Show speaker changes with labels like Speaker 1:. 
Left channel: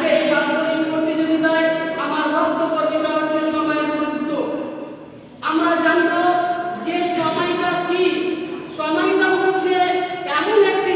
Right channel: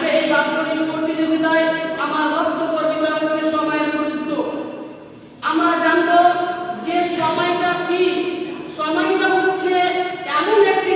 Speaker 1: আজকে এই বাৎসরিক প্রতিযোগিতায় আমার বক্তব্য বিষয় হচ্ছে সময়ের গুরুত্ব। আমরা জানব যে সময়টা কি? সময়টা হচ্ছে এমন একটি